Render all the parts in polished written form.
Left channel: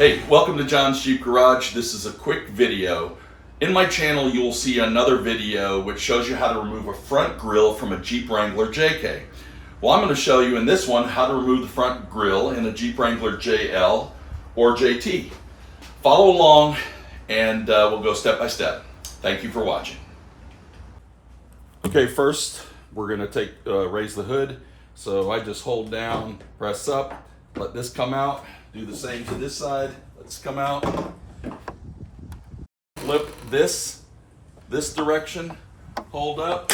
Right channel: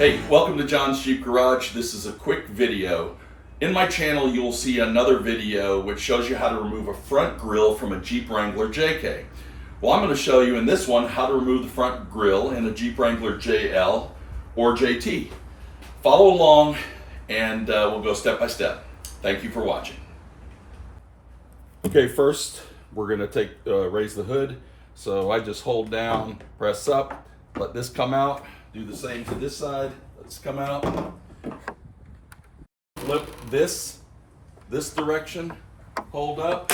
Hey, welcome to John's Jeep Garage. This is a quick video. In my channel, you will see another video which shows you how to remove a front grille from a Jeep Wrangler JK. Well, I'm going to show you in this one how to remove the front grille in a Jeep Wrangler JL or JT. Follow along and we'll go step by step. Thank you for watching. Okay, first we're going to raise the hood. So I just hold down, press up, let this come out. Do the same to this side. Let's come out. Flip this direction, hold up,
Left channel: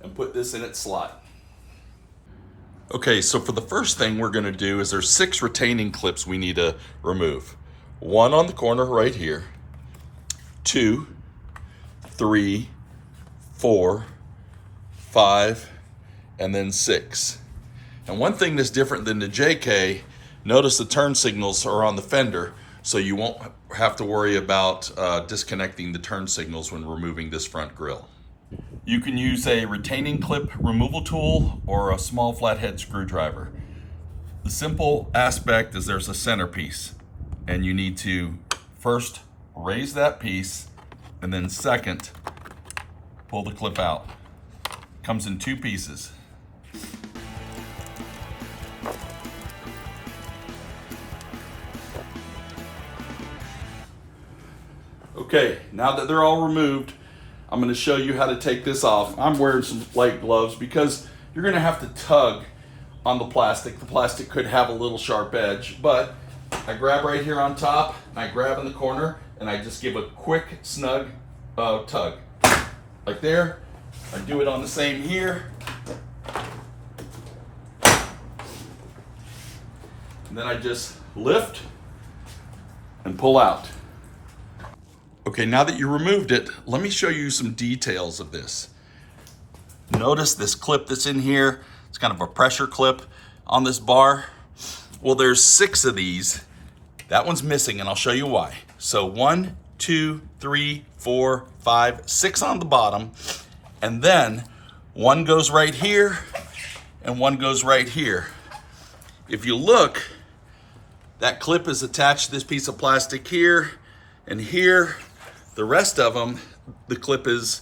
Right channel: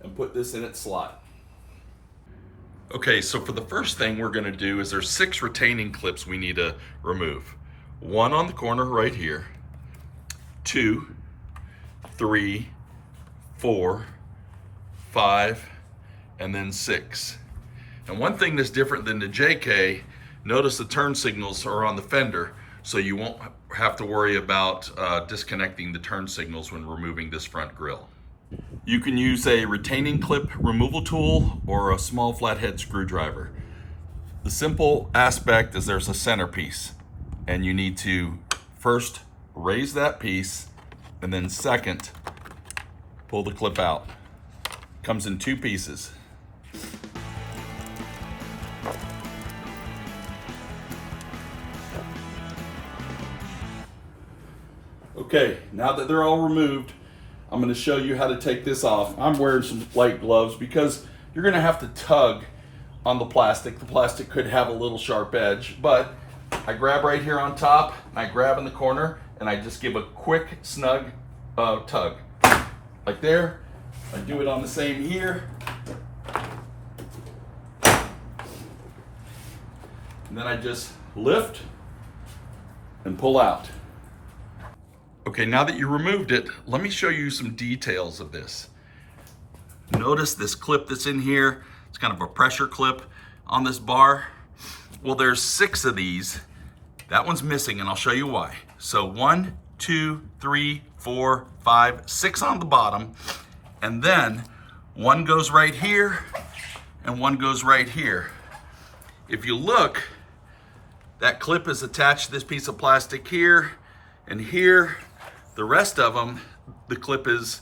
and put this in its slot. Okay, so for the first thing we're going to do is there's 6 retaining clips we need to remove. 1 on the corner right here, 2, 3, 4, 5, and then 6. And one thing that's different than the JK, notice the turn signals are on the fender, so you won't have to worry about disconnecting the turn signals when removing this front grille. You can use a retaining clip removal tool or a small flathead screwdriver. The simple aspect is there's a centerpiece, and you need to first raise that piece, and then second, pull the clip out. It comes in 2 pieces. Okay, now that they're all removed, I'm going to show you how to take this off. I'm wearing some light gloves because you're going to have to tug on the plastic. The plastic could have a little sharp edge, but I grab right here on top, and I grab in the corner, and I just give a quick, snug tug. Like there. I do it on the same here. And then I just lift and pull out. Okay, now that you removed it, let me show you some details of this. Notice this clip that's in here. It's kind of a pressure clip on this bar. Well, there's 6 of these. That one's missing, and I'll show you why. So 1, 2, 3, 4, 5, 6 on the bottom, and then 1 goes right here, and 1 goes right here. If you look, that clip is attached to this piece of plastic here and here. The rest of them, the clip is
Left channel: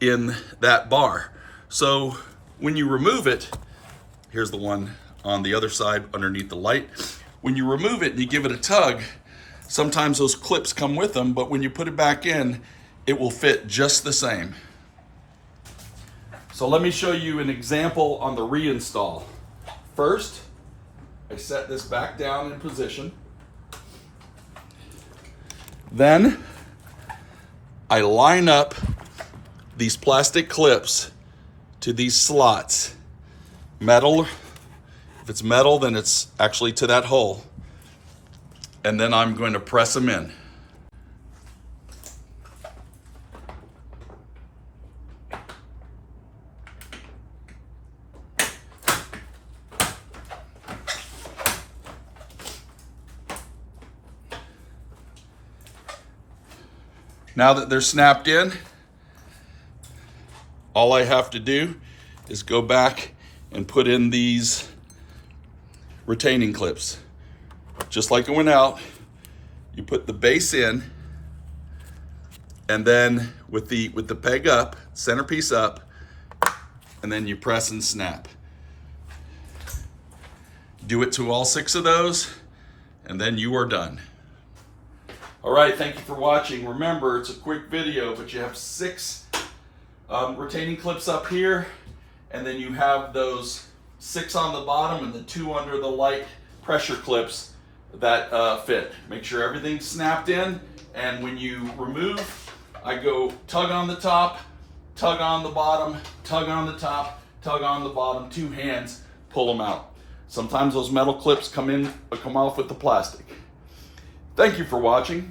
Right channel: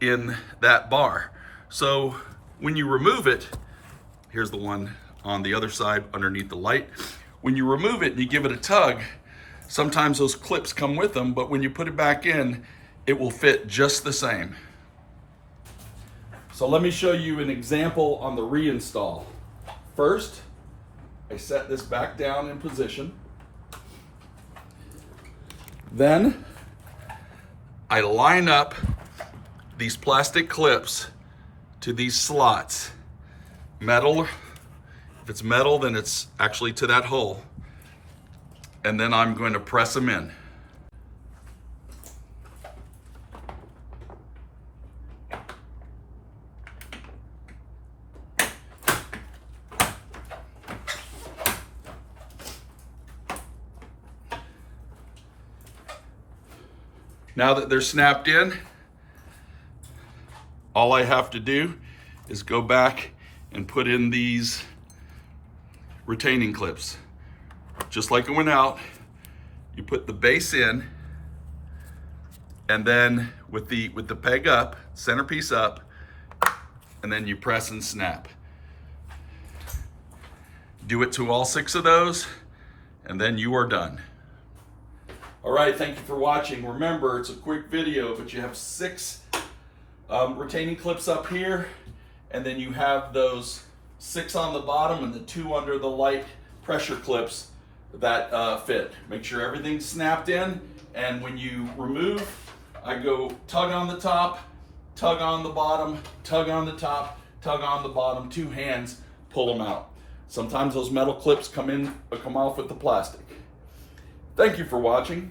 in that bar. So when you remove it, here's the one on the other side underneath the light. When you remove it and you give it a tug, sometimes those clips come with them, but when you put it back in, it will fit just the same. So let me show you an example on the reinstall. First, I set this back down in position. Then I line up these plastic clips to these slots. Metal, if it's metal, then it's actually to that hole. And then I'm going to press them in. Now that they're snapped in, all I have to do is go back and put in these retaining clips. Just like it went out, you put the base in, and then with the peg up, centerpiece up, and then you press and snap. Do it to all 6 of those, and then you are done. All right, thank you for watching. Remember, it's a quick video, but you have 6 retaining clips up here, and then you have those 6 on the bottom and the 2 under the light pressure clips that fit. Make sure everything's snapped in, and when you remove, I go tug on the top, tug on the bottom, tug on the top, tug on the bottom, 2 hands, pull them out. Sometimes those metal clips come off with the plastic. Thank you for watching.